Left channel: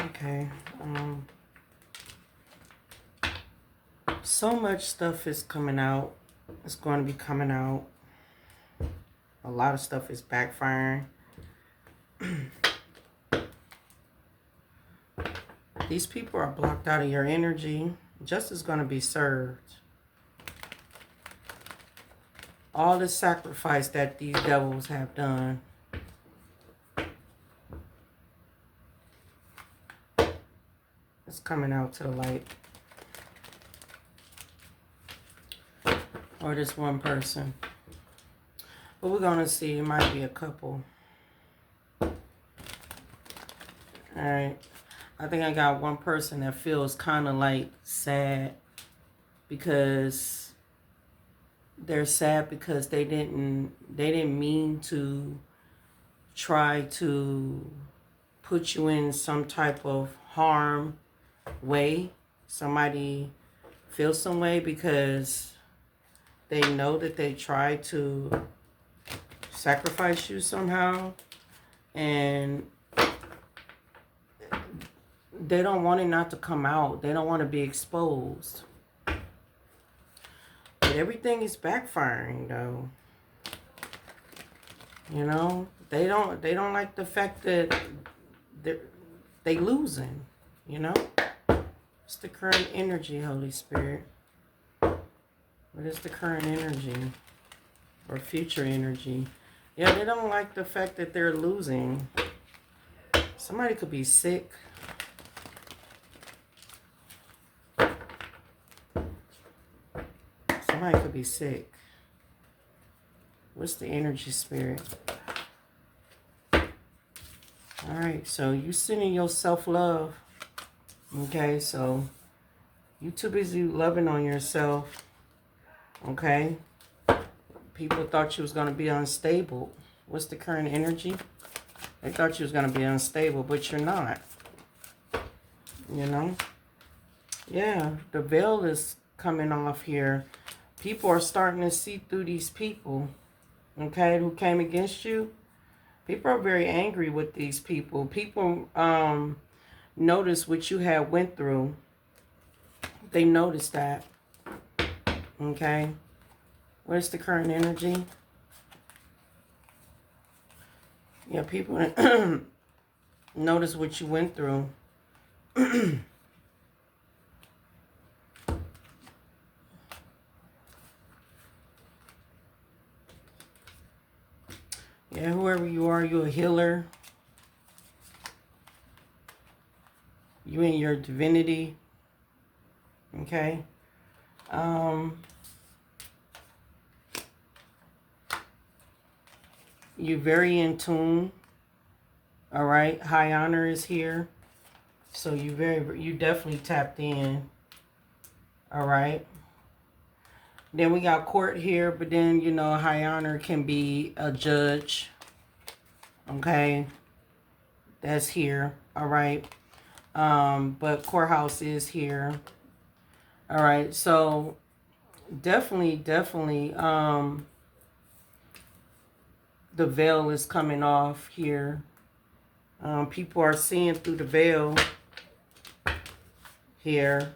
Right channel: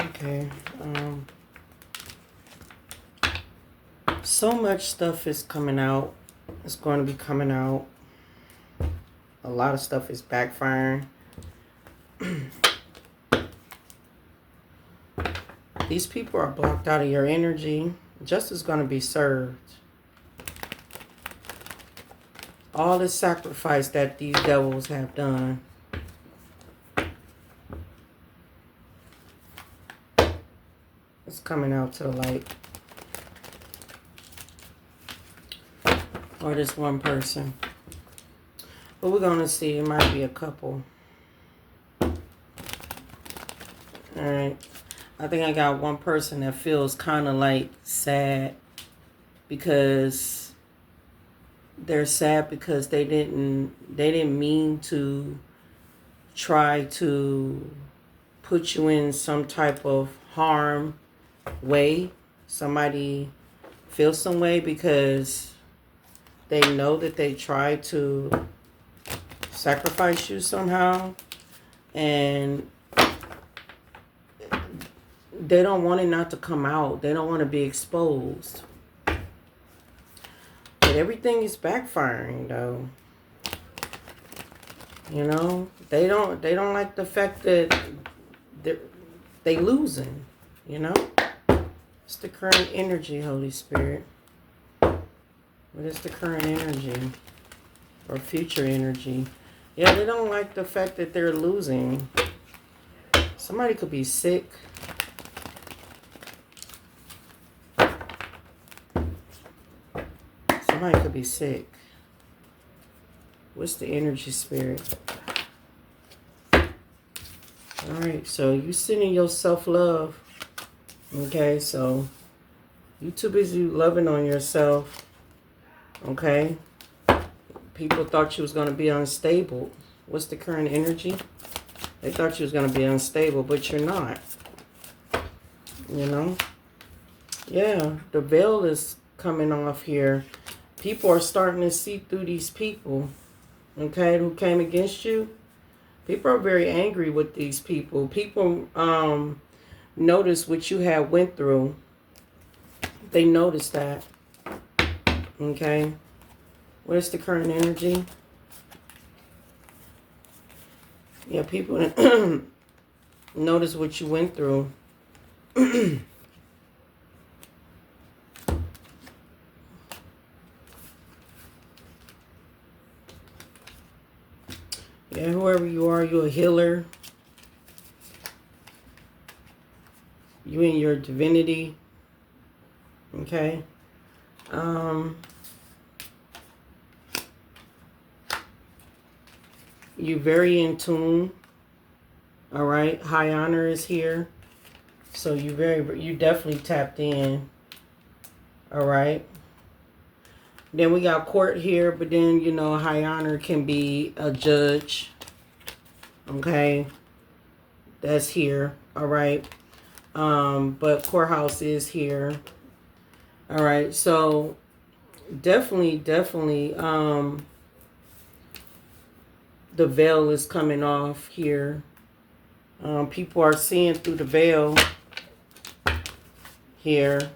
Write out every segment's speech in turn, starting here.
Okay. So much stuff is coming out. It's going to be coming out. A lot of stuff is backfiring. These people are blocked out of your energy. Justice is going to be served. All the sacrifice that these devils have done. It's coming out to the light. Or this one person. But we're going to see. It might be a couple. Alright. I think I got one person that feels kind of like sad. Because they're sad because they didn't mean to try to put you in some type of harm way. Somebody feels some way because they know that they tried to sacrifice you somehow, and they don't want it not to come out. They don't want to be exposed. But everything is backfiring though. You know, they don't like the fact that they losing, you know? It's the current energy, Holy Spirit. What is the current energy? Or future energy? Yeah, they don't like the fact that they're losing. Somebody could be sick. Somebody could be sick. What's the energy, Spirit? Alright, so you sending your self-love. Okay, so you too busy loving on yourself. Okay? People thought you was going to be unstable. What's the current energy? They thought you was going to be unstable, but you're not. You know? Yeah, the veil is coming off here. People are starting to see through these people. Okay, who came against you. People are very angry with these people. People notice what you had went through. They noticed that. Okay. Where's the current energy? Yeah, people notice what you went through. Yeah, whoever you are, you're a healer. You in your divinity. Okay. You're very in tune. All right. High honor is here. So you definitely tapped in. All right. Then we got court here, but then, you know, high honor can be a judge. Okay. That's here. All right. But courthouse is here. All right. So definitely, the veil is coming off here. People are seeing through the veil here.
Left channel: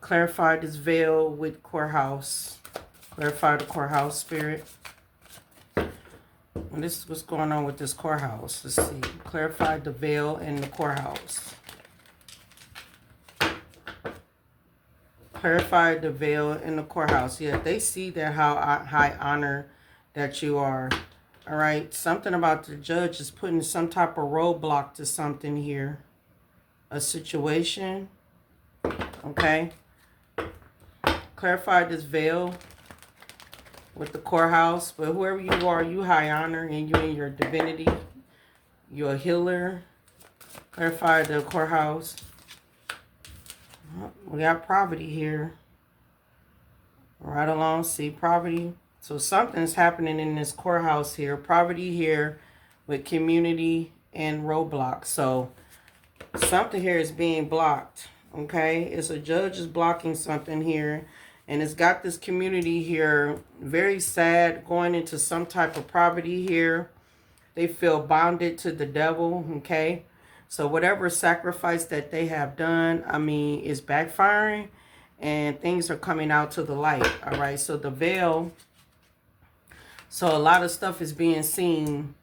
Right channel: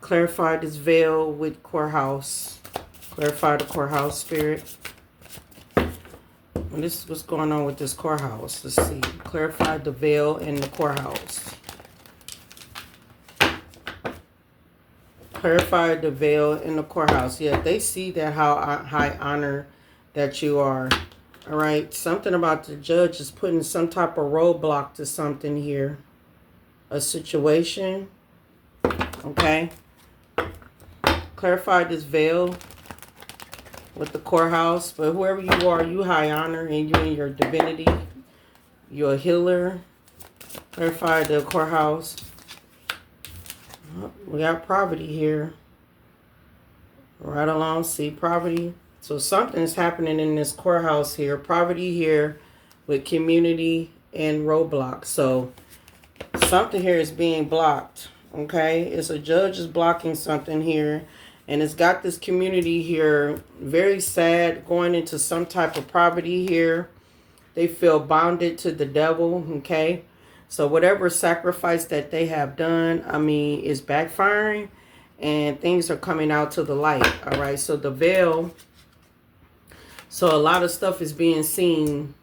Clarify this veil with courthouse. Clarify the courthouse, Spirit. And this is what's going on with this courthouse. Let's see. Clarify the veil in the courthouse. Clarify the veil in the courthouse. Yeah, they see that how high honor that you are. All right. Something about the judge is putting some type of roadblock to something here. A situation. Okay. Clarify this veil with the courthouse. But whoever you are, you high honor and you in your divinity. You're a healer. Clarify the courthouse. We got poverty here. Right along, see poverty. So something's happening in this courthouse here. Poverty here with community and roadblocks. So something here is being blocked. Okay, it's a judge is blocking something here. And it's got this community here very sad, going into some type of poverty here. They feel bonded to the devil, okay? So whatever sacrifice that they have done, I mean, is backfiring and things are coming out to the light, all right? So the veil, so a lot of stuff is being seen,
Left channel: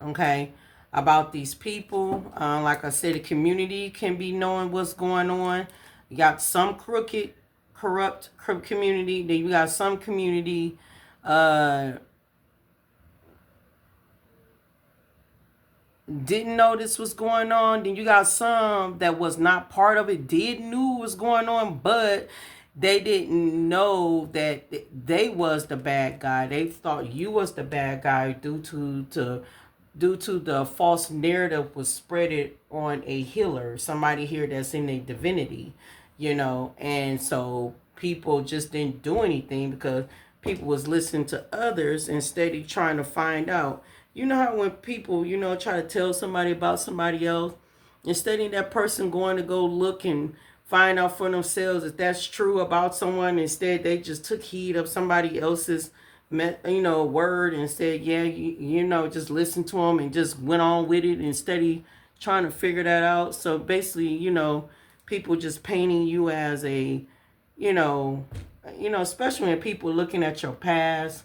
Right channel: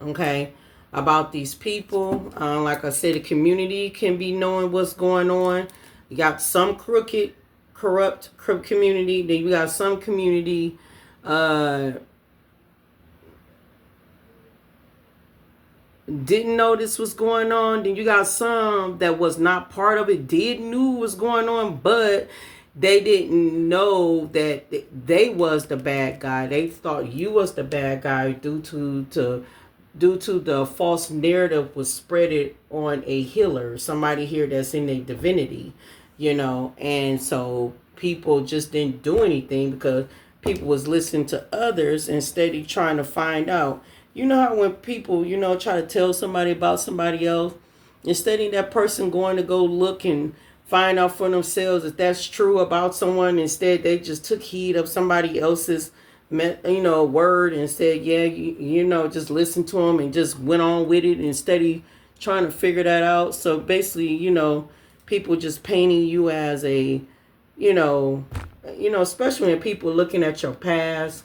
okay, about these people. Like I said, the community can be knowing what's going on. You got some crooked, corrupt community. Then you got some community didn't know this was going on. Then you got some that was not part of it, did knew what was going on, but they didn't know that they was the bad guy. They thought you was the bad guy due to the false narrative was spreaded on a healer, somebody here that's in a divinity, you know. And so people just didn't do anything because people was listening to others instead of trying to find out. You know how when people, you know, try to tell somebody about somebody else, instead of that person going to go look and find out for themselves if that's true about someone, instead they just took heed of somebody else's, you know, word and said, yeah, you know, just listen to them and just went on with it instead of trying to figure that out. So basically, you know, people just painting you as a, you know, especially when people looking at your past,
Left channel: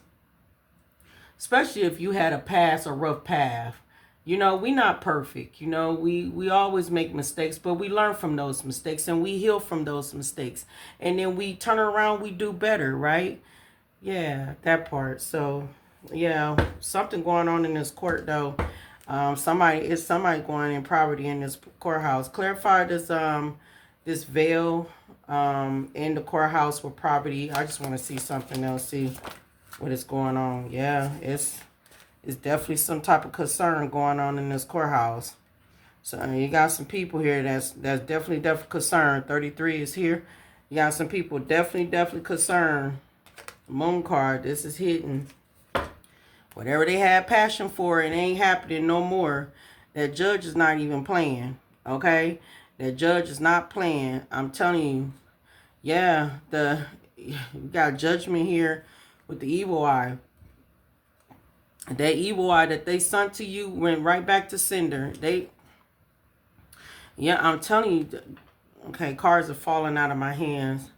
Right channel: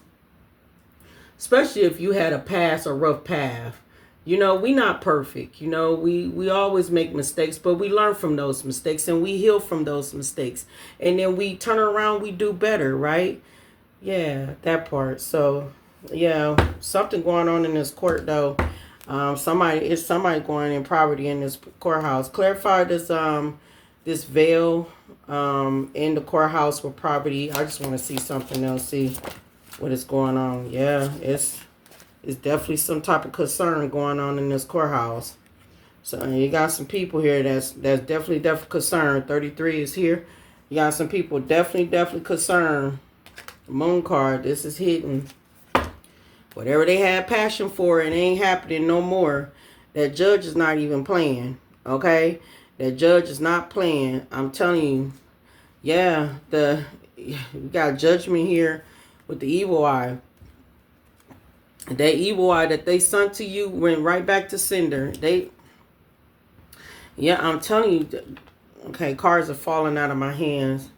especially if you had a past, a rough path. You know, we not perfect. You know, we always make mistakes, but we learn from those mistakes and we heal from those mistakes. And then we turn around, we do better, right? Yeah, that part. So, yeah, something going on in this court, though. Somebody going in property in this courthouse. Clarify this this veil in the courthouse with property. I just want to see something else. See what is going on. Yeah, it's definitely some type of concern going on in this courthouse. So you got some people here that's definitely concerned. 33 is here. You got some people definitely concerned. Moon card, this is hidden. Whatever they had passion for, it ain't happening no more. That judge is not even playing, okay? That judge is not playing. I'm telling you. Yeah, you got judgment here with the evil eye. That evil eye that they sent to you went right back to sender. Yeah, I'm telling you. Okay, cards are falling out of my hands.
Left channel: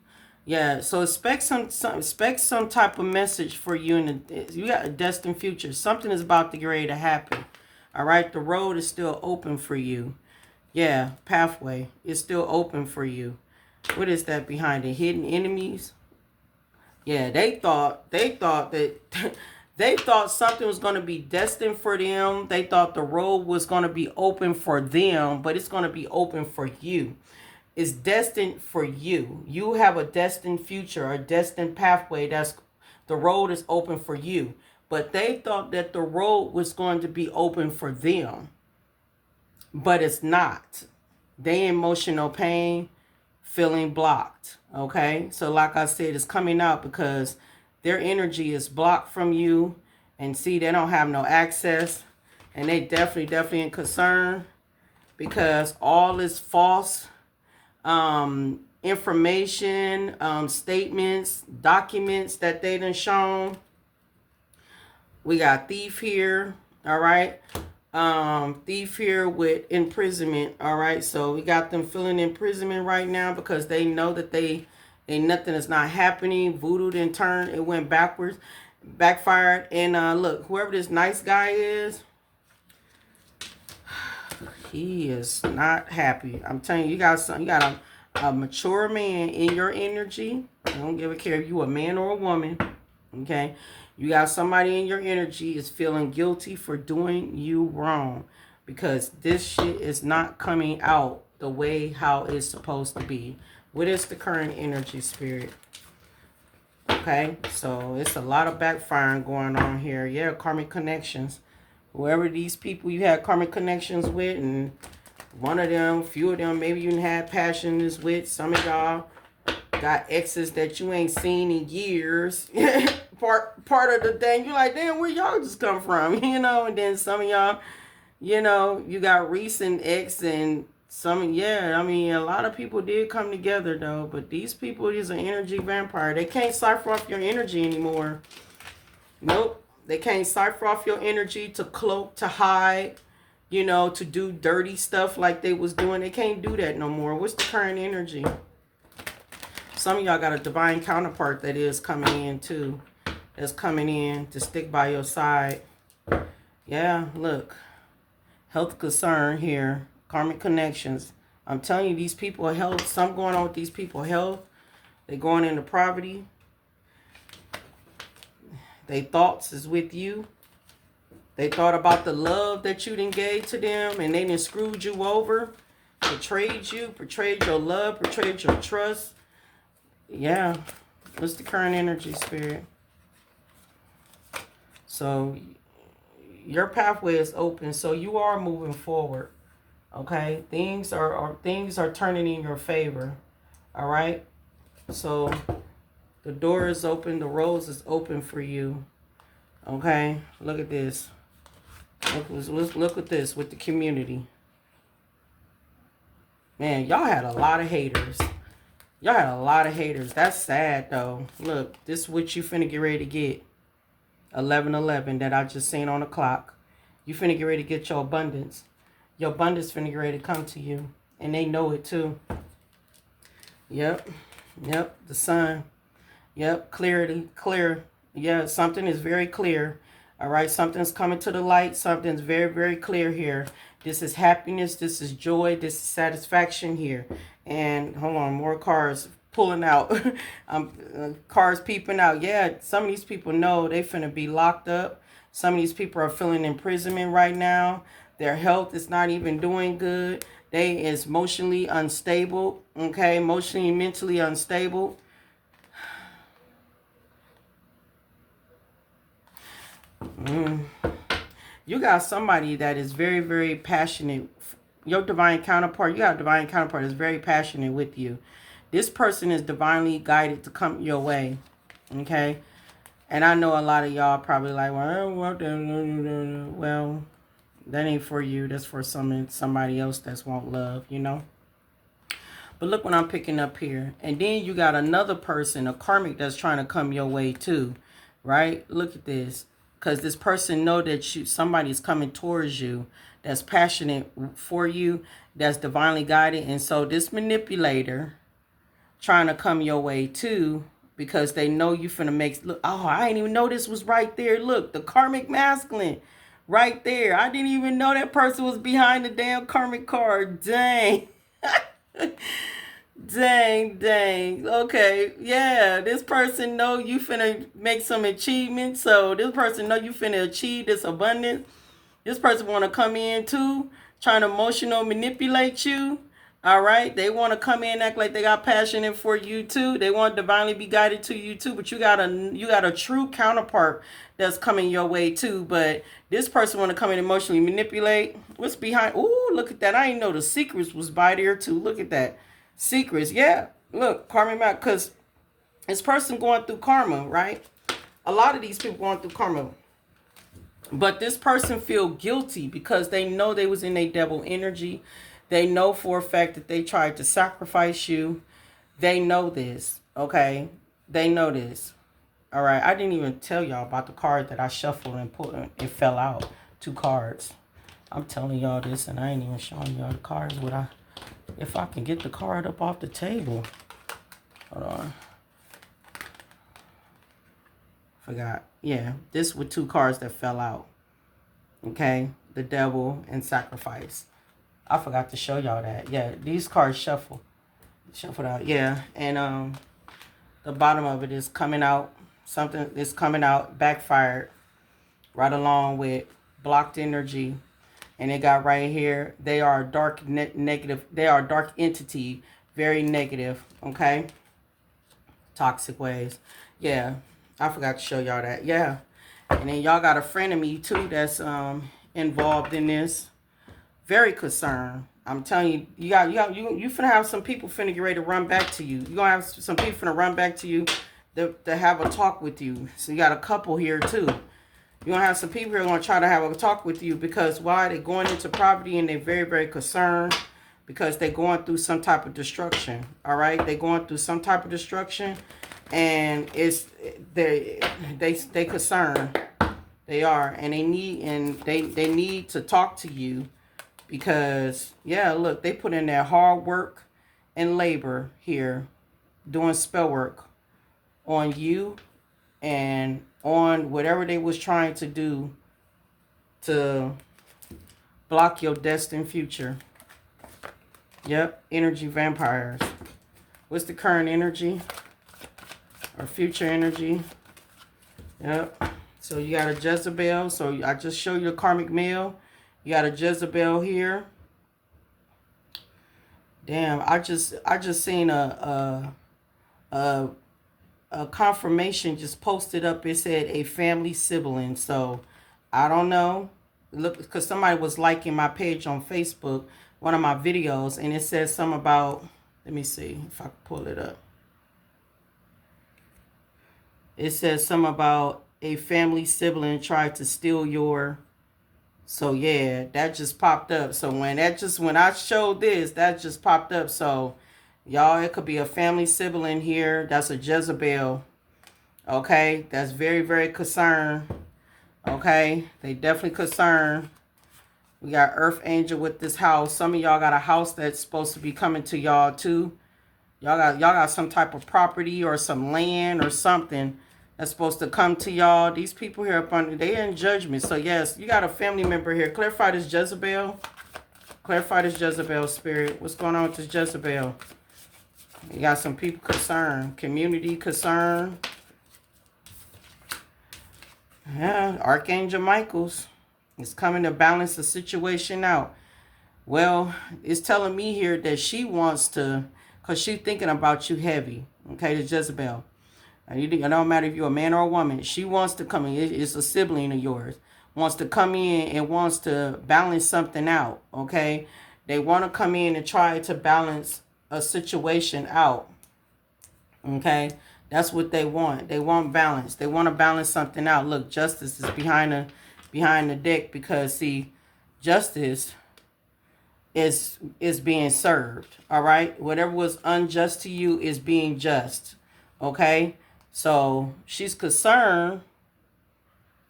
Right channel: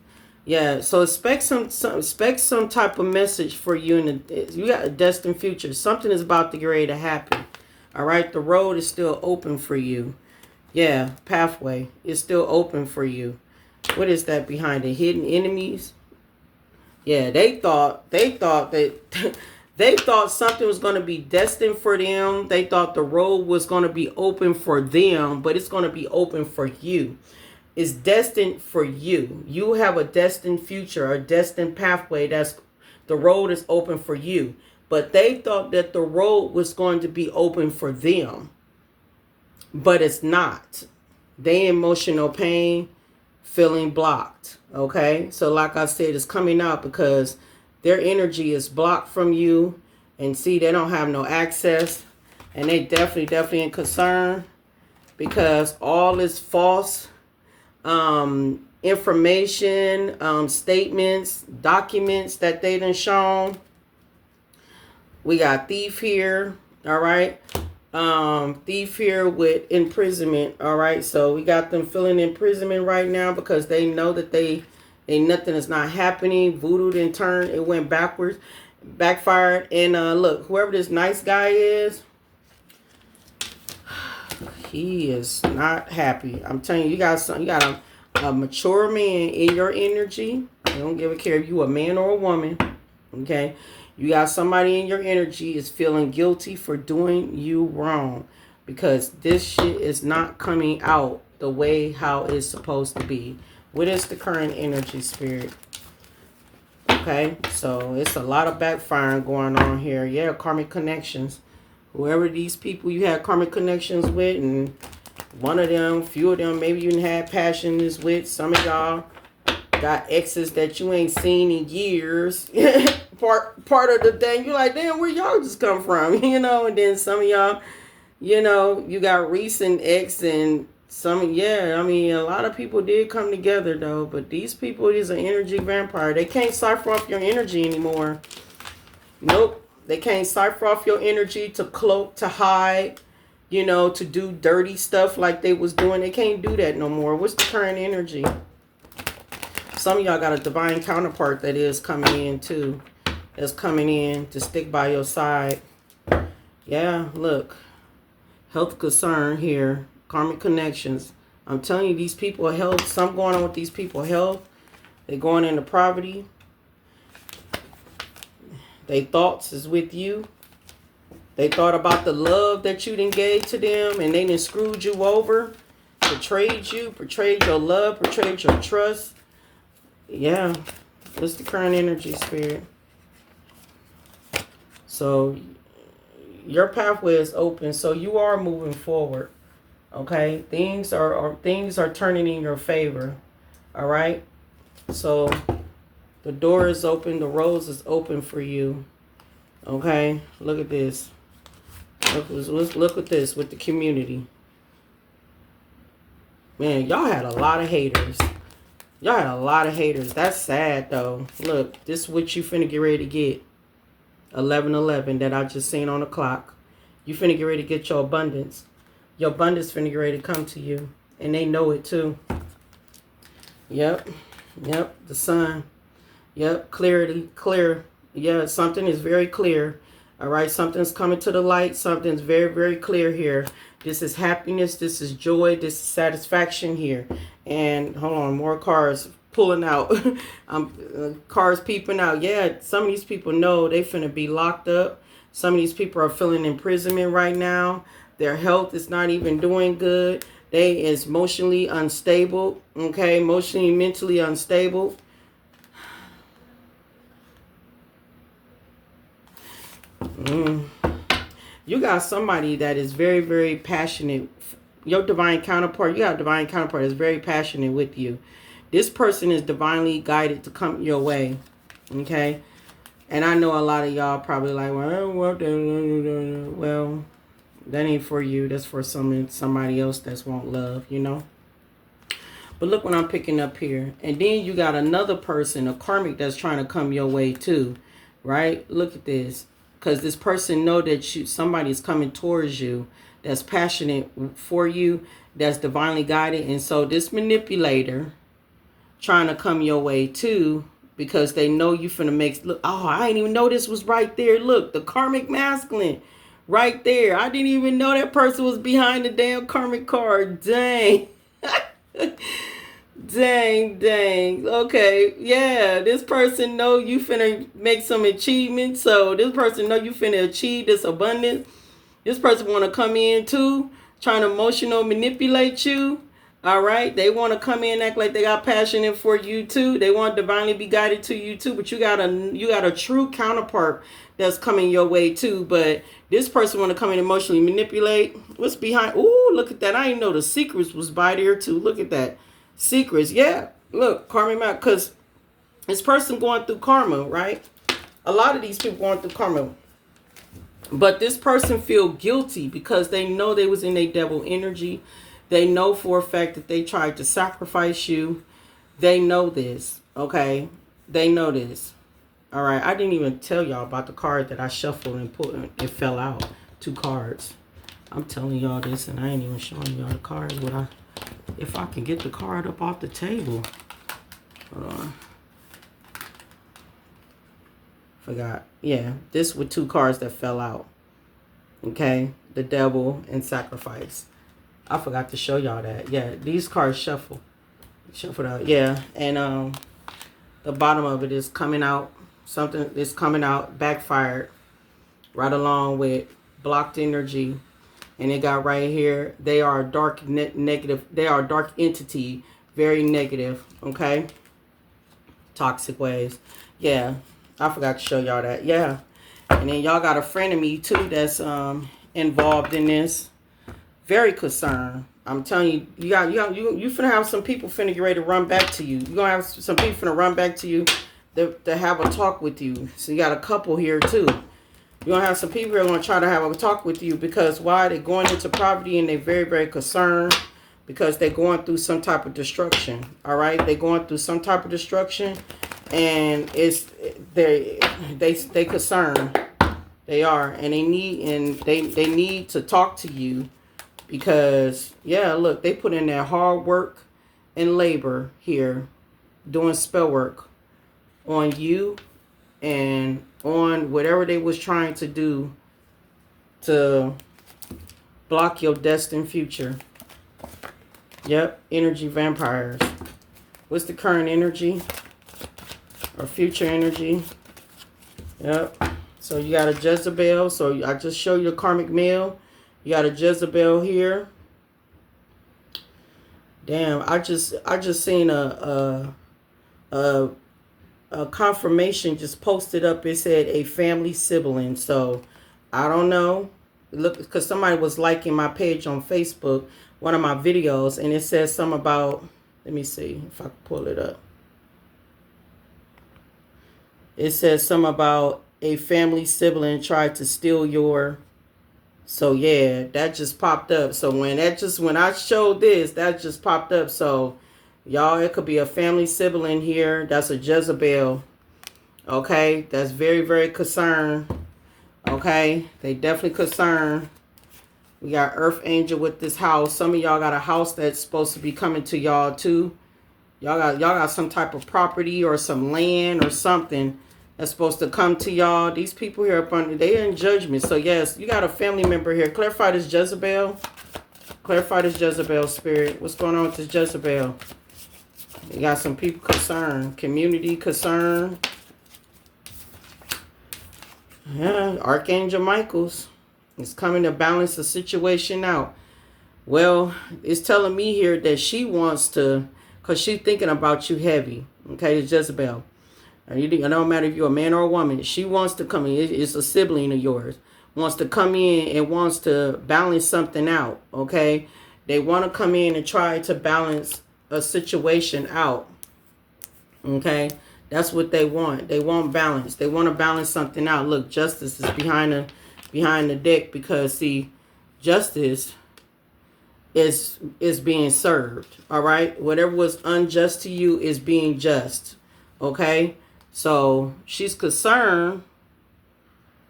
Yeah, so expect some type of message for you. You got a destined future. Something is about to get ready to happen. All right, the road is still open for you. Yeah, pathway is still open for you. What is that behind it? Hidden enemies. Yeah, they thought that they thought something was going to be destined for them. They thought the road was going to be open for them, but it's going to be open for you. Is destined for you. You have a destined future, a destined pathway. The road is open for you. But they thought that the road was going to be open for them. But it's not. They emotional pain, feeling blocked. Okay? So like I said, it's coming out because their energy is blocked from you. And see, they don't have no access. And they definitely in concern. Because all is false. Information, statements, documents that they done shown. We got thief here, all right. Thief here with imprisonment, all right. So we got them feeling imprisonment right now because they know that nothing is not happening. Voodoo didn't turn, it went backwards, backfired. And look, whoever this nice guy is, he is not happy. I'm telling you, you got a mature man in your energy. I don't give a care if you a man or a woman. Okay? You got somebody in your energy is feeling guilty for doing you wrong. Because this shit is not coming out the way how it's supposed to be. What is the current energy, spirit? Okay? So it's a lot of backfiring going on here. Yeah, karmic connections. Whoever these people you had karmic connections with, and one of them, few of them, maybe you had passions with. Some of y'all got exes that you ain't seen in years. part of the thing, you're like, damn, where y'all just come from? You know, and then some of y'all, you know, you got recent ex and some, yeah, I mean, a lot of people did come together though, but these people is an energy vampire. They can't cipher off your energy anymore. Nope. They can't cipher off your energy, to cloak, to hide, you know, to do dirty stuff like they was doing. They can't do that no more. What's the current energy? Some of y'all got a divine counterpart that is coming in too. That's coming in to stick by your side. Yeah, look. Health concern here. Karmic connections. I'm telling you, these people health. Something going on with these people health. They're going into poverty. Their thoughts is with you. They thought about the love that you done gave to them, and they done screwed you over, betrayed you, betrayed your love, betrayed your trust. Yeah, what's the current energy, Spirit? So your pathway is open, so you are moving forward. Okay, things are turning in your favor. All right, so the door is open, the rose is open for you. Okay, look at this. Look at this with the community. Man, y'all had a lot of haters. Y'all had a lot of haters. That's sad though. Look, this is what you finna get ready to get. 11:11 that I just seen on the clock. You finna get ready to get your abundance. Your abundance finna get ready to come to you. And they know it too. Yep. Yep. The sun. Yep. Clarity. Clear. Yeah, something is very clear. All right. Something's coming to the light. Something's very, very clear here. This is happiness. This is joy. This is satisfaction here. And hold on. More cards pulling out. Cars peeping out. Yeah. Some of these people know they finna be locked up. Some of these people are feeling imprisonment right now. Their health is not even doing good. They is emotionally unstable. Okay, emotionally, mentally unstable. You got somebody that is very, very passionate. Your divine counterpart, you have a divine counterpart that's very passionate with you. This person is divinely guided to come your way. Okay, and I know a lot of y'all probably like, well, I don't want that. Well, that ain't for you. That's for somebody else that's want love, you know. But look what I'm picking up here. And then you got another person, a karmic, that's trying to come your way too, right? Look at this. Because this person know that somebody's coming towards you that's passionate for you, that's divinely guided. And so this manipulator trying to come your way too, because they know you finna make, look, oh, I didn't even know this was right there. Look, the karmic masculine. Right there. I didn't even know that person was behind the damn karmic card. Dang. Dang. Okay. Yeah. This person know you finna make some achievements. So this person know you finna achieve this abundance. This person want to come in too. Trying to emotional manipulate you. All right. They want to come in, act like they got passion for you too. They want to divinely be guided to you too. But you got a true counterpart that's coming your way too. But this person want to come and emotionally manipulate. What's behind? Ooh, look at that. I didn't know the secrets was by there too. Look at that. Secrets. Yeah. Look, karma map. Because this person going through karma, right? A lot of these people going through karma. But this person feel guilty because they know they was in a devil energy. They know for a fact that they tried to sacrifice you. They know this. Okay. They know this. All right, I didn't even tell y'all about the card that I shuffled and put. It fell out. 2 cards. I'm telling y'all this, and I ain't even showing y'all the cards. If I can get the card up off the table. Hold on. Forgot. Yeah, this were 2 cards that fell out. Okay, the devil and sacrifice. I forgot to show y'all that. Yeah, these cards shuffled out. Yeah, and the bottom of it is coming out. Something is coming out, backfired, right along with blocked energy. And it got right here, they are dark negative. They are dark entity, very negative, okay? Toxic ways. Yeah, I forgot to show y'all that. Yeah. And then y'all got a friend of me too that's involved in this. Very concerned. I'm telling you, you finna have some people finna get ready to run back to you. You're gonna have some people finna run back to you to have a talk with you. So you got a couple here too. You're gonna have some people who are gonna try to have a talk with you because why? They're going into poverty and they're very, very concerned because they're going through some type of destruction. All right, they're going through some type of destruction, and it's they concerned. They are. And they need to talk to you because, yeah, look, they put in their hard work and labor here doing spell work on you and on whatever they was trying to do to block your destined future. Yep, energy vampires. What's the current energy or future energy? Yep. So you got a Jezebel. So I just showed you the karmic male. You got a Jezebel here. Damn, I just seen a confirmation just posted up. It said a family sibling. So I don't know. Look, because somebody was liking my page on Facebook, one of my videos, and it says something about, let me see if I can pull it up. It says something about a family sibling tried to steal your, so yeah, that just popped up. So when I showed this, that just popped up. So y'all, it could be a family sibling here. That's a Jezebel. Okay, that's very, very concerned. Okay, they definitely concerned. We got Earth Angel with this house. Some of y'all got a house that's supposed to be coming to y'all too. Y'all got some type of property or some land or something that's supposed to come to y'all. These people here up on, they in judgment. So yes, you got a family member here. Clarify this Jezebel. Clarify this Jezebel spirit. What's going on with this Jezebel? You got some people concerned. Community concerned. Yeah, Archangel Michael's is coming to balance the situation out. Well, it's telling me here that she wants to, because she's thinking about you heavy. Okay, the Jezebel. It don't matter if you're a man or a woman. She wants to come in. It's a sibling of yours. Wants to come in and wants to balance something out. Okay, they want to come in and try to balance a situation out. Okay, that's what they want. They want balance. They want to balance something out. Look, justice is behind the deck because see, justice is being served. All right, whatever was unjust to you is being just. Okay. So she's concerned,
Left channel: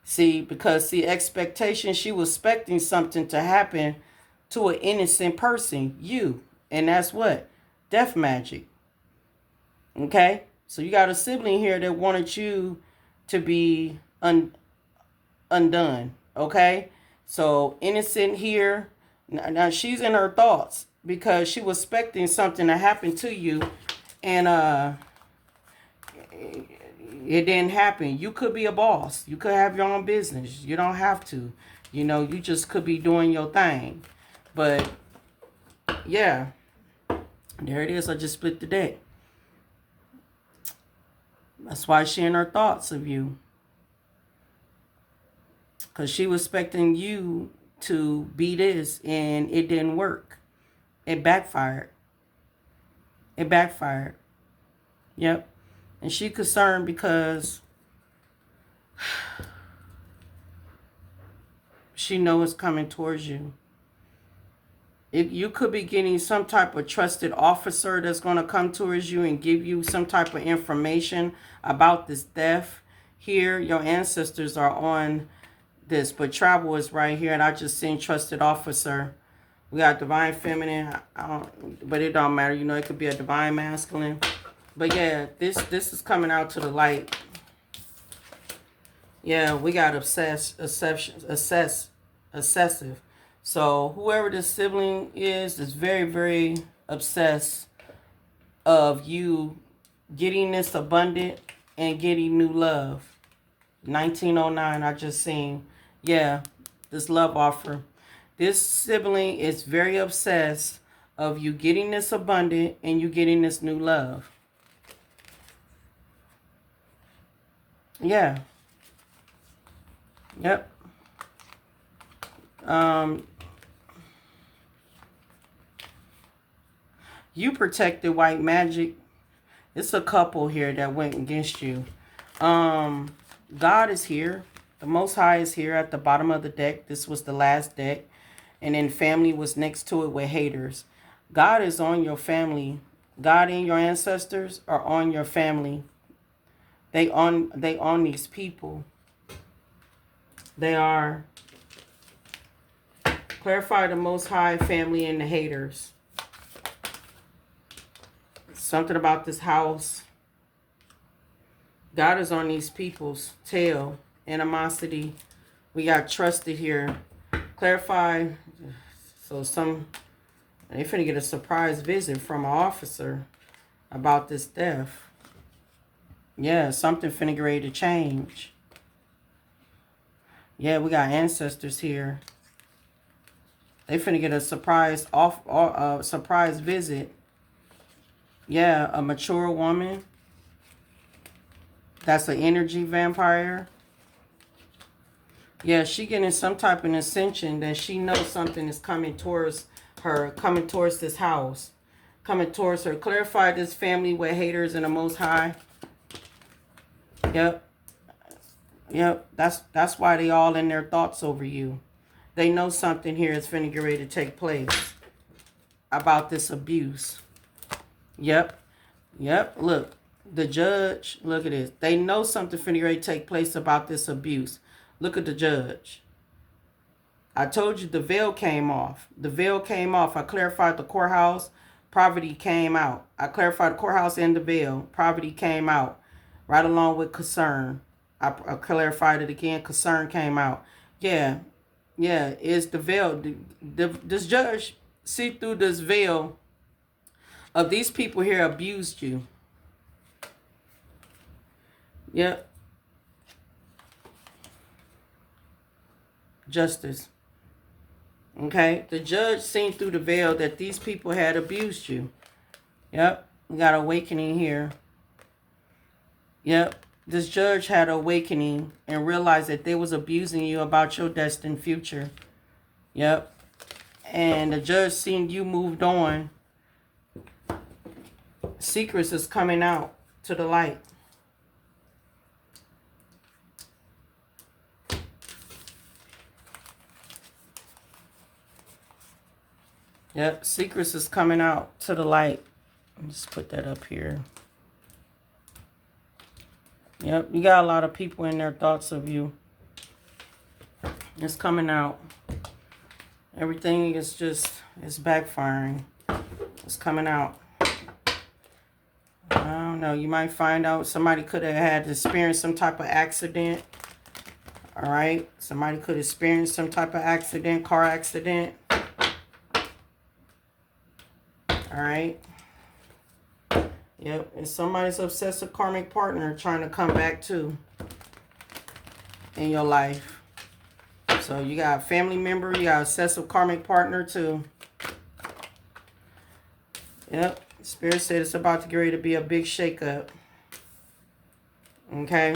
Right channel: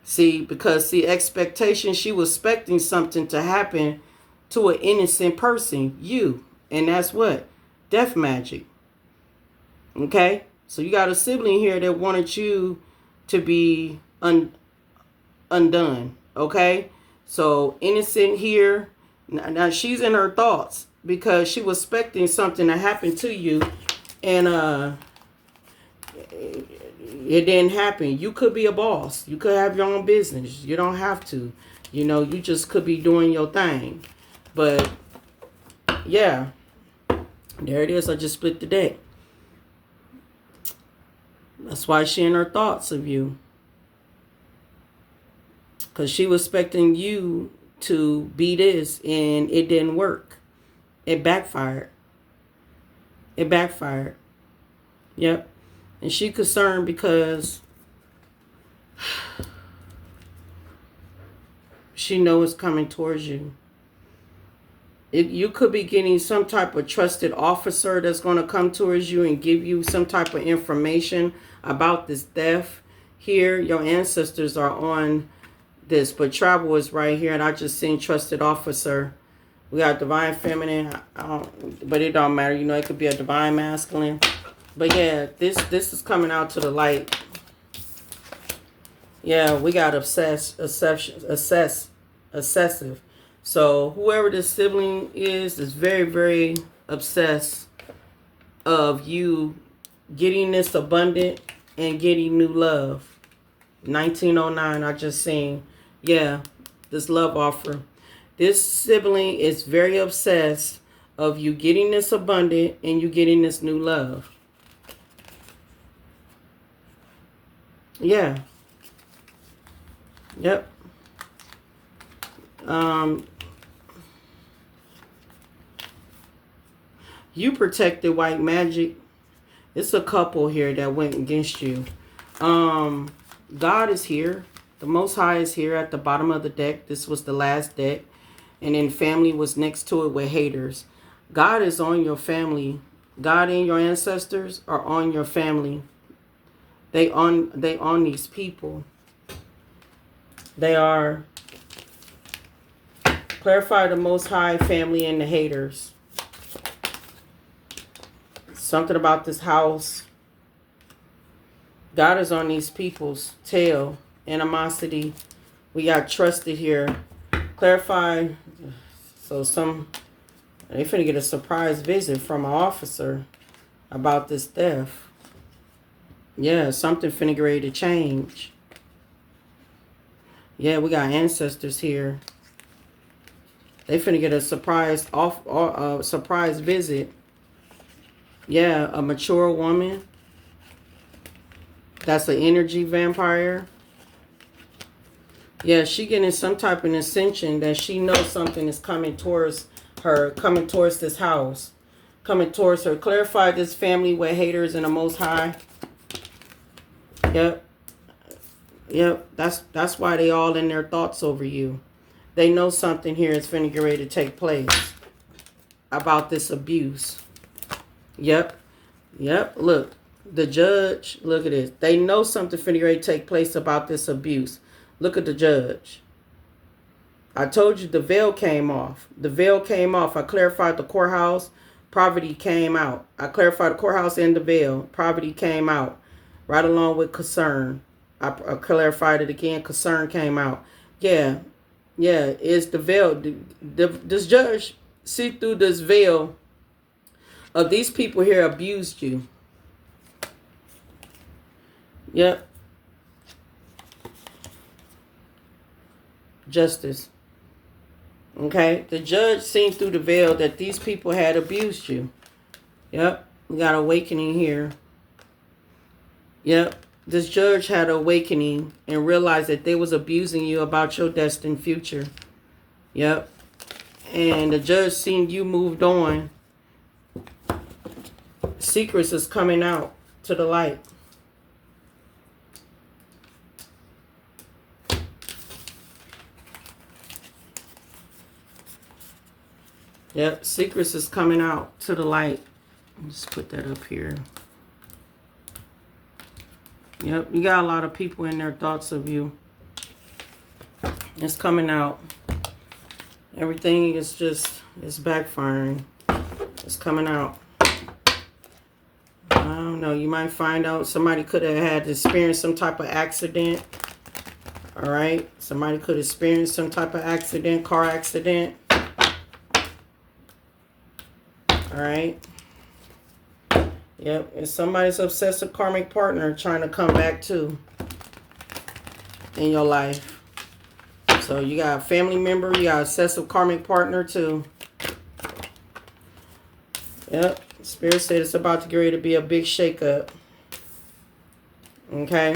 see, because expectation, she was expecting something to happen to an innocent person, you, and that's what? Death magic. Okay? So you got a sibling here that wanted you to be undone, okay? So innocent here, now she's in her thoughts because she was expecting something to happen to you, and it didn't happen. You could be a boss. You could have your own business. You don't have to. You know, you just could be doing your thing. But, yeah. There it is. I just split the deck. That's why she in her thoughts of you. Because she was expecting you to be this, and it didn't work. It backfired. It backfired. Yep. And she concerned because she knows it's coming towards you. You could be getting some type of trusted officer that's going to come towards you and give you some type of information about this theft. Here, your ancestors are on this, but travel is right here, and I just seen trusted officer. We got divine feminine, but it don't matter. You know, it could be a divine masculine. But yeah, this is coming out to the light. Yeah, we got obsessive. So whoever this sibling is very, very obsessed of you getting this abundant and getting new love. 1909, I just seen. Yeah, this love offer. This sibling is very obsessed of you getting this abundant and you getting this new love. Yeah. Yep. You protected white magic. It's a couple here that went against you. God is here. The Most High is here at the bottom of the deck. This was the last deck. And then family was next to it with haters. God is on your family. God and your ancestors are on your family. They on these people. They are. Clarify the Most High, family, and the haters. Something about this house. God is on these people's tail. Animosity. We got trusted here. Clarify. So they finna get a surprise visit from an officer about this death. Yeah, something finna get ready to change. Yeah, we got ancestors here. They finna get a surprise visit. Yeah, a mature woman. That's an energy vampire. Yeah, she getting some type of ascension that she knows something is coming towards her, coming towards this house, coming towards her. Clarify this family with haters and the Most High. Yep. Yep. That's why they all in their thoughts over you. They know something here is finna get ready to take place about this abuse. Yep. Yep. Look, the judge, look at this. They know something finna get ready to take place about this abuse. Look at the judge. I told you the veil came off. The veil came off. I clarified the courthouse. Poverty came out. I clarified the courthouse and the veil. Poverty came out. Right along with concern. I clarified it again. Concern came out. Yeah. Yeah. It's the veil. This judge see through this veil of these people here abused you. Yep. Justice. Okay. The judge seen through the veil that these people had abused you. Yep. We got awakening here. Yep. This judge had awakening and realized that they was abusing you about your destined future. Yep. And the judge seen you moved on. Secrets is coming out to the light. Yep, secrets is coming out to the light. Let's put that up here. Yep, you got a lot of people in their thoughts of you. It's coming out. Everything is just, it's backfiring. It's coming out. I don't know, you might find out somebody could have had experienced some type of accident. All right, somebody could experience some type of accident, car accident. All right. Yep. It's somebody's obsessive karmic partner trying to come back too in your life. So you got a family member. You got an obsessive karmic partner too. Yep. Spirit said it's about to get ready to be a big shakeup. Okay.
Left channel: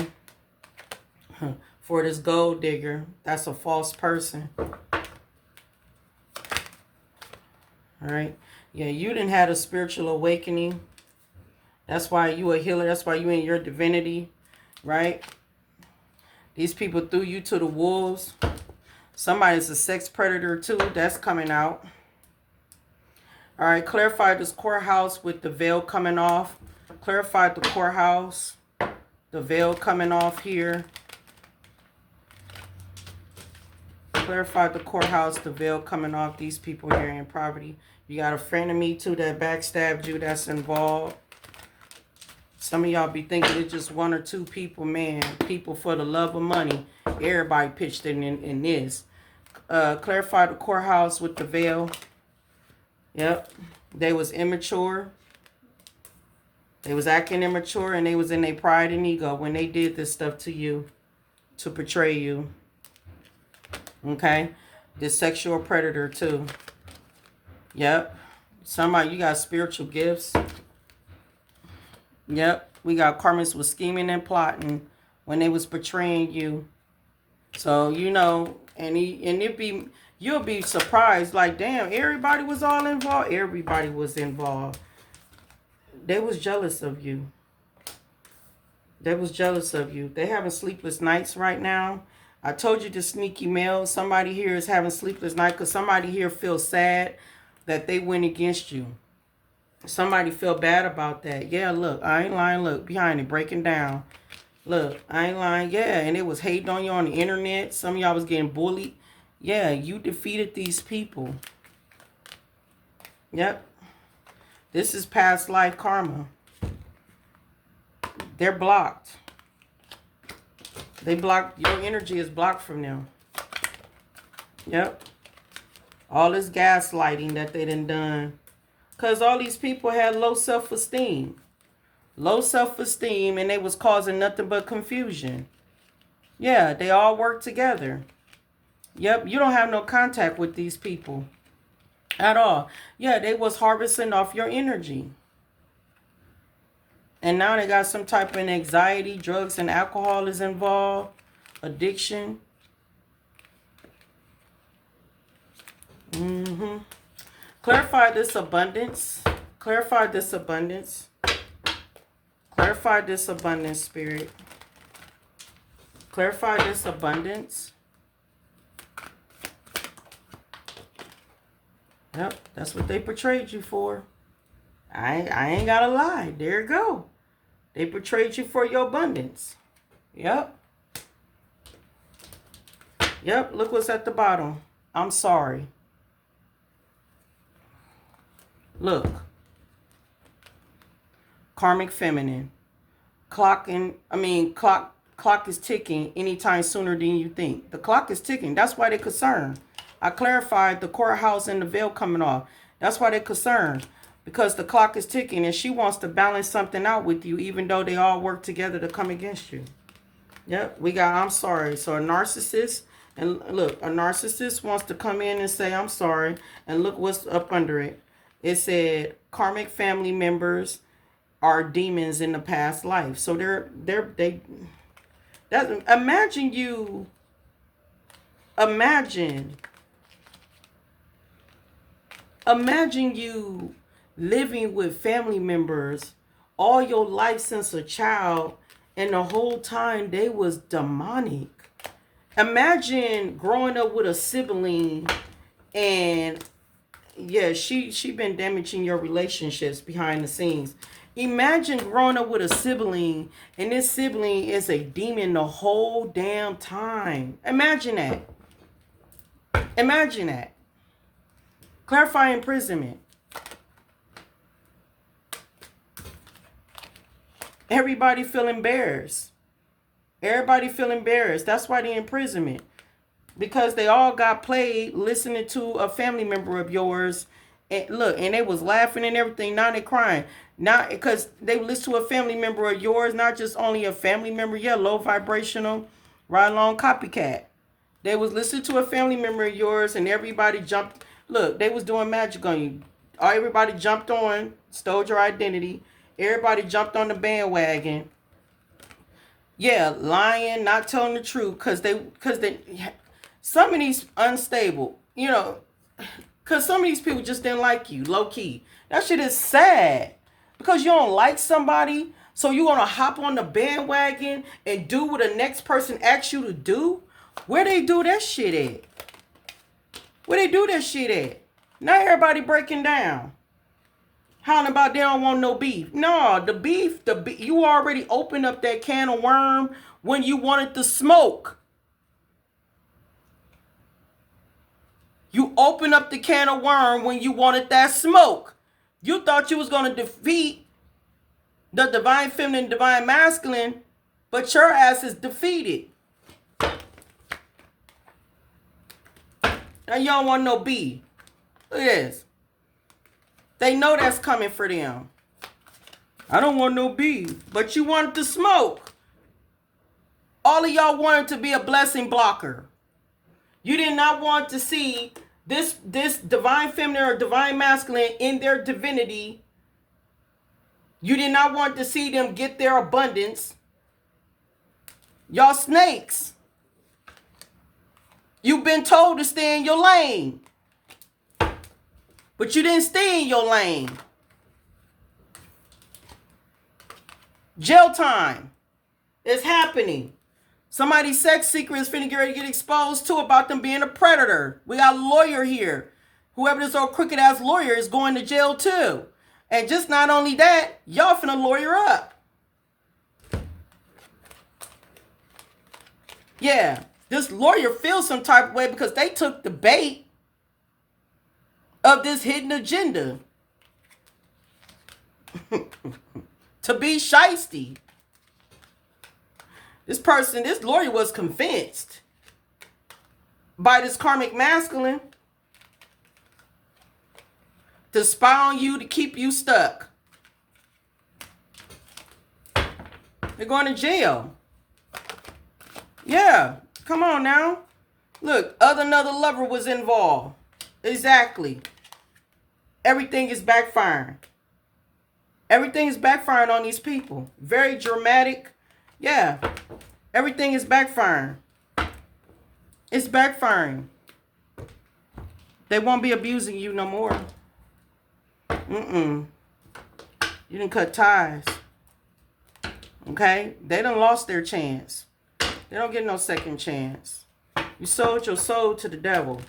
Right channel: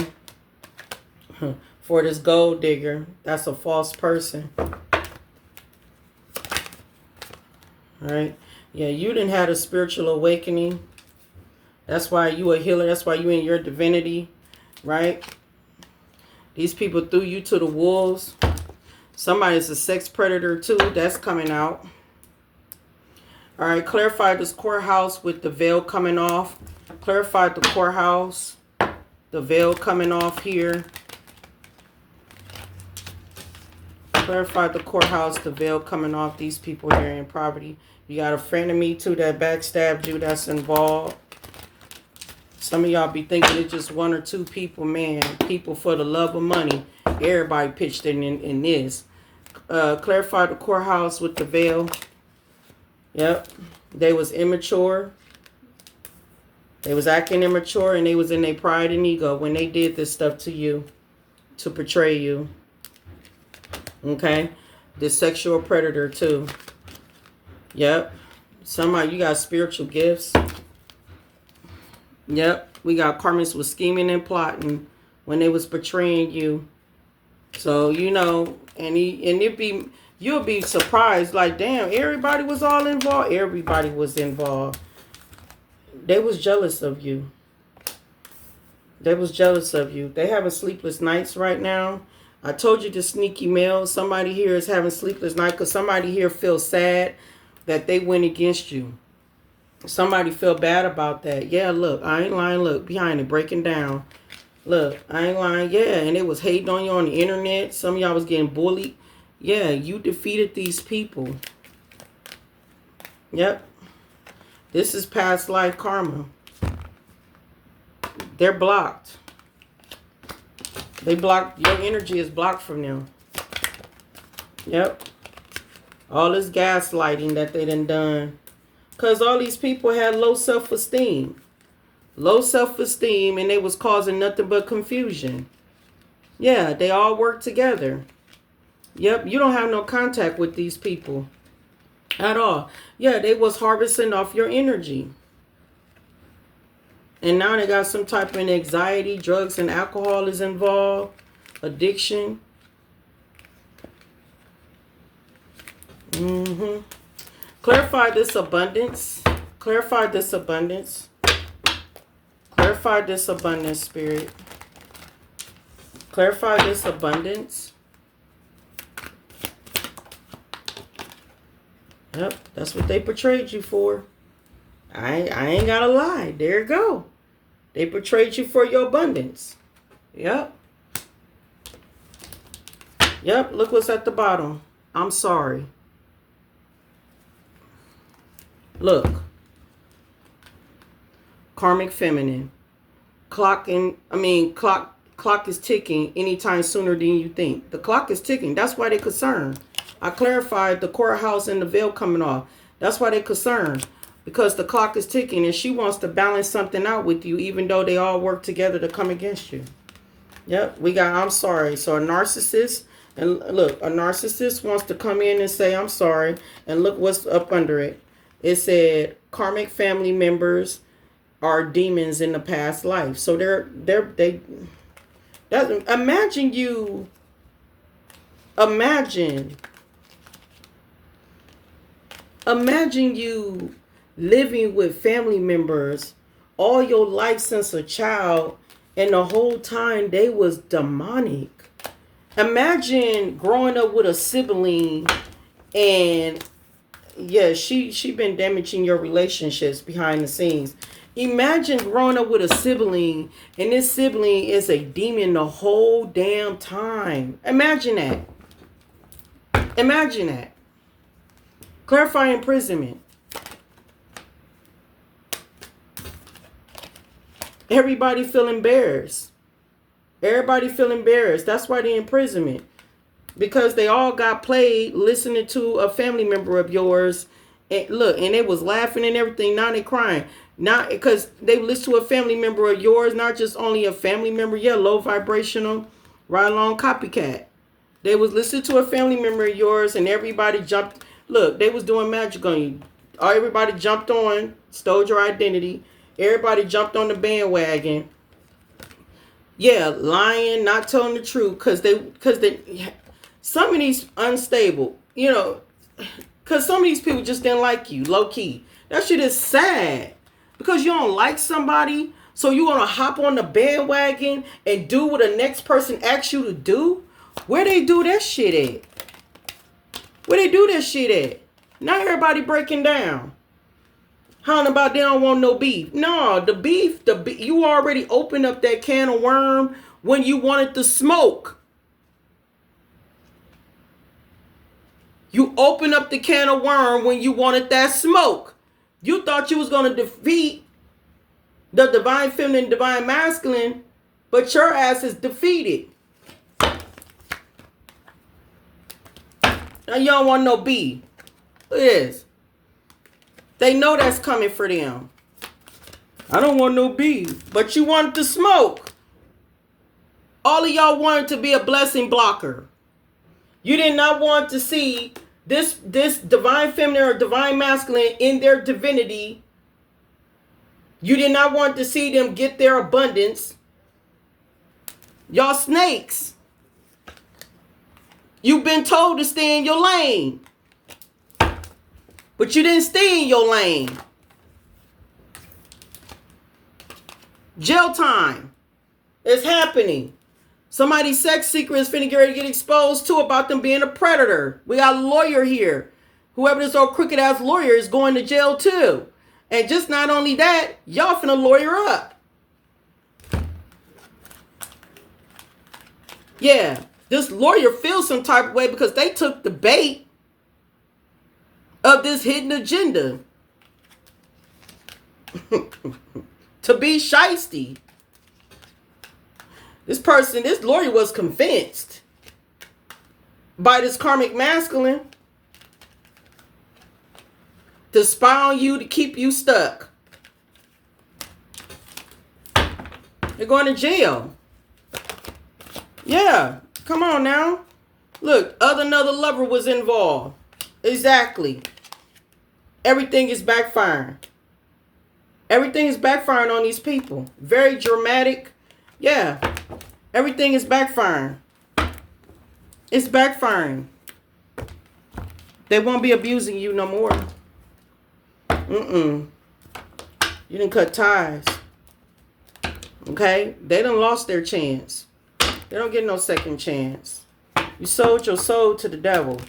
For this gold digger. That's a false person. All right. Yeah, you didn't have a spiritual awakening. That's why you a healer. That's why you in your divinity, right? These people threw you to the wolves. Somebody's a sex predator too. That's coming out. All right, clarify this courthouse with the veil coming off. Clarify the courthouse. The veil coming off here. Clarify the courthouse. The veil coming off. These people here in poverty. You got a frenemy too that backstabbed you that's involved. Some of y'all be thinking it's just one or two people, man. People for the love of money. Everybody pitched in this. Clarify the courthouse with the veil. Yep. They was immature. They was acting immature and they was in their pride and ego when they did this stuff to you. To betray you. Okay. This sexual predator too. Yep. Somebody, you got spiritual gifts. Yep. We got karmics was scheming and plotting when they was betraying you. So, you know, and you'll be surprised, like, damn, everybody was all involved. Everybody was involved. They was jealous of you. They was jealous of you. They having sleepless nights right now. I told you the sneaky male. Somebody here is having sleepless night because somebody here feels sad that they went against you. Somebody feel bad about that. Yeah, look, I ain't lying. Look, behind it, breaking down. Look, I ain't lying. Yeah, and they was hating on you on the internet. Some of y'all was getting bullied. Yeah, you defeated these people. Yep. This is past life karma. They're blocked. They blocked. Your energy is blocked from them. Yep. All this gaslighting that they done. Because all these people had low self-esteem. Low self-esteem, and they was causing nothing but confusion. Yeah, they all work together. Yep, you don't have no contact with these people at all. Yeah, they was harvesting off your energy. And now they got some type of anxiety, drugs and alcohol is involved, addiction. Clarify this abundance. Clarify this abundance. Clarify this abundance, Spirit. Clarify this abundance. Yep, that's what they portrayed you for. I ain't gotta lie. There you go. They portrayed you for your abundance. Yep. Yep, look what's at the bottom. I'm sorry. Look. Karmic feminine. Clock is ticking anytime sooner than you think. The clock is ticking. That's why they're concerned. I clarified the courthouse and the veil coming off. That's why they're concerned. Because the clock is ticking and she wants to balance something out with you, even though they all work together to come against you. Yep, we got I'm sorry. So a narcissist, and look, a narcissist wants to come in and say I'm sorry. And look what's up under it. It said karmic family members are demons in the past life. So imagine you living with family members all your life since a child, and the whole time they was demonic. Imagine growing up with a sibling, and yeah, she been damaging your relationships behind the scenes. Imagine growing up with a sibling, and this sibling is a demon the whole damn time. Imagine that. Imagine that. Clarify imprisonment. Everybody feel embarrassed. Everybody feel embarrassed. That's why the imprisonment. Because they all got played listening to a family member of yours. And look, and they was laughing and everything. Now they crying. Not because they listen to a family member of yours, not just only a family member. Yeah, low vibrational, right along copycat. They was listening to a family member of yours, and everybody jumped. Look, they was doing magic on you. Everybody jumped on, stole your identity. Everybody jumped on the bandwagon. Yeah, lying, not telling the truth, because some of these unstable, because some of these people just didn't like you, low key. That shit is sad. Because you don't like somebody, so you want to hop on the bandwagon and do what the next person asks you to do? Where they do that shit at? Where they do that shit at? Not everybody breaking down. How about they don't want no beef? No, the beef, you already opened up that can of worm when you wanted the smoke. You opened up the can of worm when you wanted that smoke. You thought you was going to defeat the divine feminine, divine masculine, but your ass is defeated. Now you don't want no beef. Look at this. They know that's coming for them. I don't want no beef, but you wanted to smoke. All of y'all wanted to be a blessing blocker. You did not want to see this divine feminine or divine masculine in their divinity. You did not want to see them get their abundance. Y'all snakes. You've been told to stay in your lane. But you didn't stay in your lane. Jail time is happening. Somebody's sex secret is finna get ready to get exposed too about them being a predator. We got a lawyer here. Whoever this old crooked ass lawyer is going to jail too. And just not only that, y'all finna lawyer up. Yeah, this lawyer feels some type of way because they took the bait of this hidden agenda to be shiesty. This lawyer was convinced by this karmic masculine to spy on you to keep you stuck. You're going to jail. Yeah, come on now. Look, another lover was involved. Exactly. Everything is backfiring. Everything is backfiring on these people. Very dramatic. Yeah, everything is backfiring. It's backfiring. They won't be abusing you no more. You didn't cut ties. Okay? They done lost their chance. They don't get no second chance. You sold your soul to the devil.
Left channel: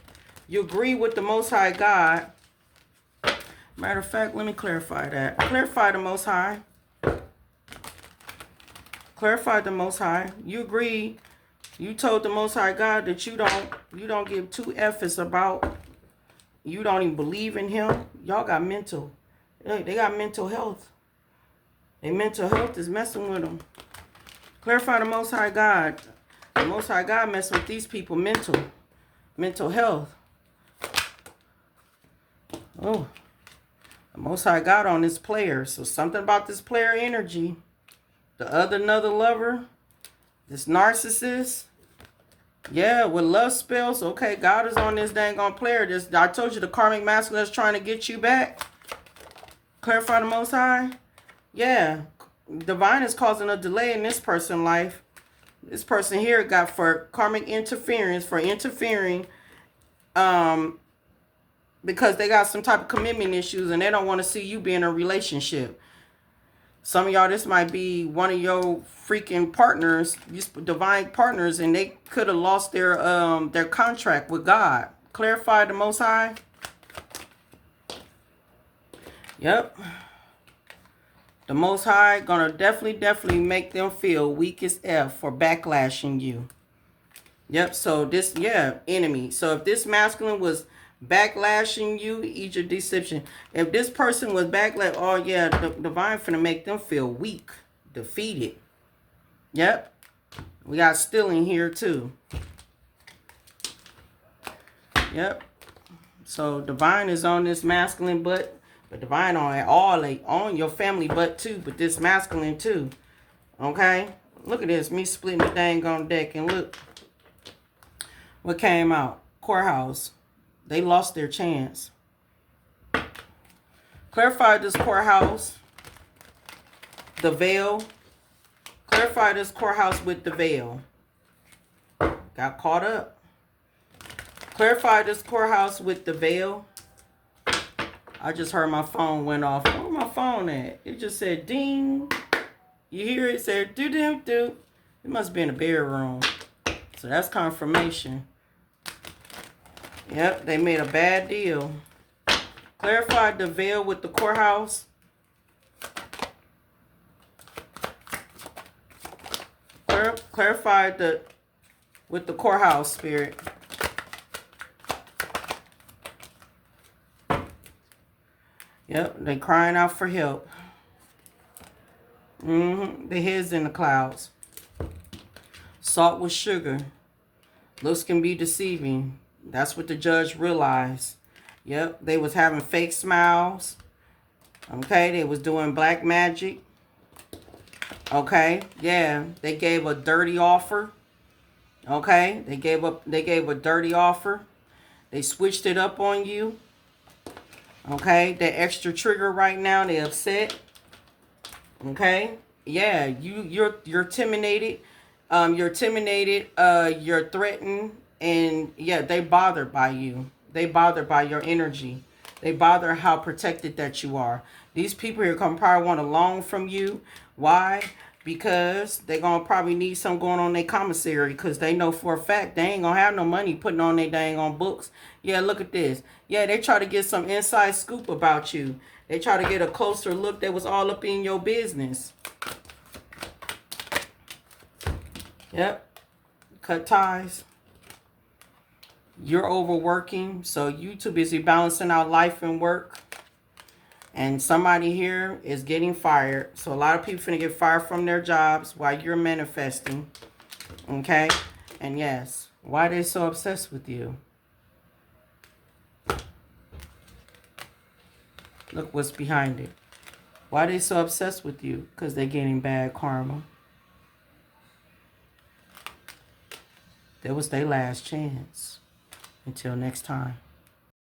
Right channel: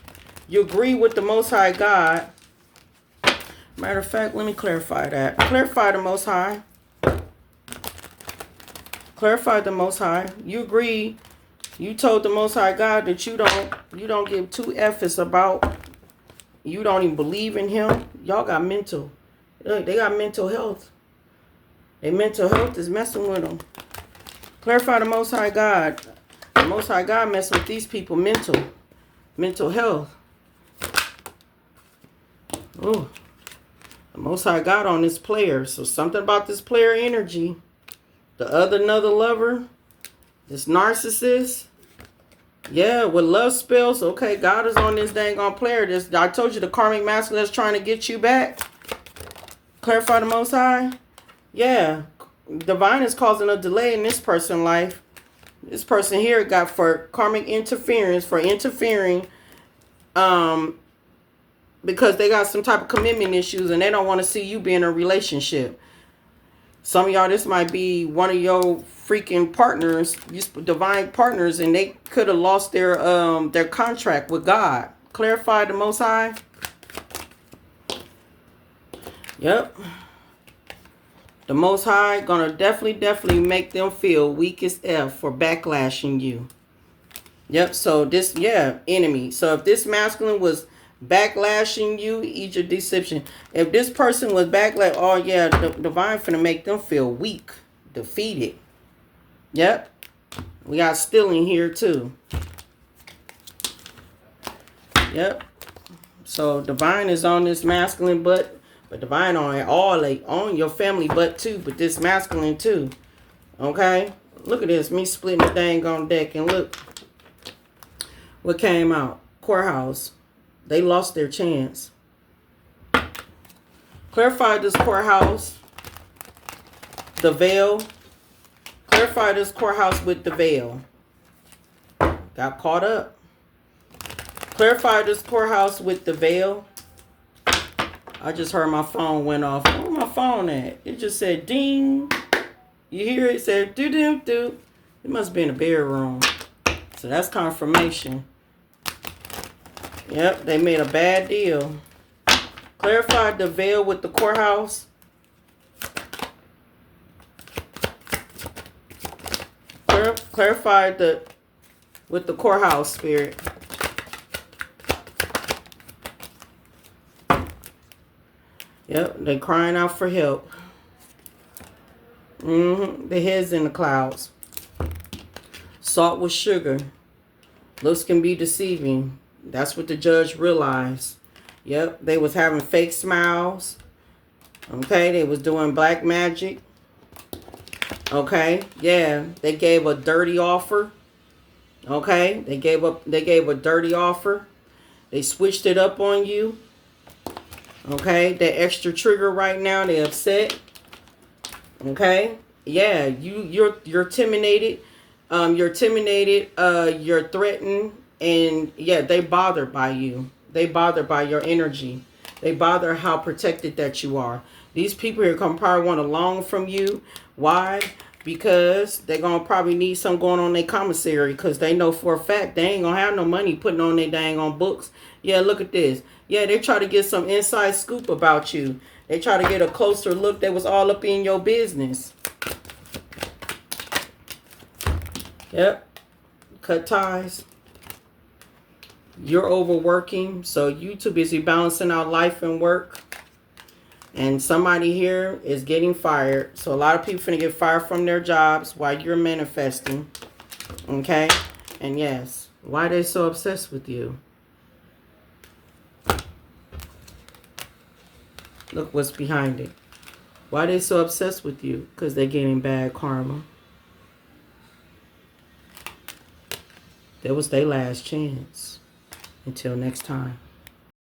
You agree with the Most High God. Matter of fact, let me clarify that. Clarify the Most High. Clarify the Most High. You agree. You told the Most High God that you don't give two F's about. You don't even believe in him. Y'all got mental. They got mental health. Their mental health is messing with them. Clarify the Most High God. The Most High God mess with these people mental health. Oh, the Most High God on this player. So something about this player energy. Another lover. This narcissist. Yeah, with love spells. Okay, God is on this dang on player. I told you the karmic masculine is trying to get you back. Clarify the Most High. Yeah, divine is causing a delay in this person's life. This person here got for karmic interference, for interfering, because they got some type of commitment issues and they don't want to see you be in a relationship. Some of y'all, this might be one of your freaking partners, divine partners, and they could have lost their contract with God. Clarify the Most High. Yep. The Most High gonna definitely make them feel weak as F for backlashing you. Yep. So this, enemy. So if this masculine was backlashing you, eat your deception. If this person was backlash, oh yeah, the divine finna make them feel weak, defeated. Yep. We got stealing here too. Yep. So divine is on this masculine butt, but divine on your family butt too, but this masculine too. Okay? Look at this. Me splitting the dang on deck, and look what came out. Courthouse. They lost their chance. Clarify this courthouse. The veil. Clarify this courthouse with the veil. Got caught up. Clarify this courthouse with the veil. I just heard my phone went off. Where my phone at? It just said ding. You hear it? It said doo doo doo. It must have been a bedroom. So that's confirmation. Yep, they made a bad deal. Clarified the veil with the courthouse. Clarified with the courthouse spirit. Yep, they crying out for help. The head's in the clouds. Salt with sugar. Looks can be deceiving. That's what the judge realized. Yep, they was having fake smiles. Okay, they was doing black magic. Okay, yeah, they gave a dirty offer. Okay, they gave a dirty offer. They switched it up on you. Okay, they're extra trigger right now. They're upset. Okay, yeah, you're intimidated. You're intimidated. You're threatened. And yeah, they bothered by you. They bothered by your energy. They bother how protected that you are. These people here probably want a loan from you. Why? Because they're going to probably need something going on in their commissary. Because they know for a fact they ain't going to have no money putting on their dang on books. Yeah, look at this. Yeah, they try to get some inside scoop about you. They try to get a closer look that was all up in your business. Yep. cut ties. You're overworking, so you too busy balancing out life and work. And somebody here is getting fired. So a lot of people finna get fired from their jobs while you're manifesting. Okay? And yes, why are they so obsessed with you? Look what's behind it. Why are they so obsessed with you? Because they're getting bad karma. That was their last chance. Until next time.